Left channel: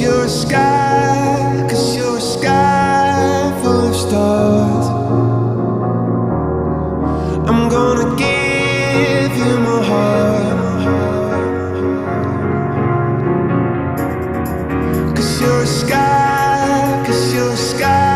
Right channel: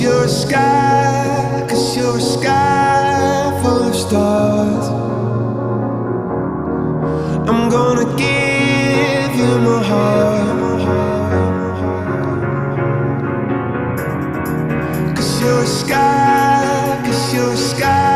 you're a sky, 'cause you're a sky full of stars. I'm gonna give you my heart, 'cause you're a sky, 'cause you're a sky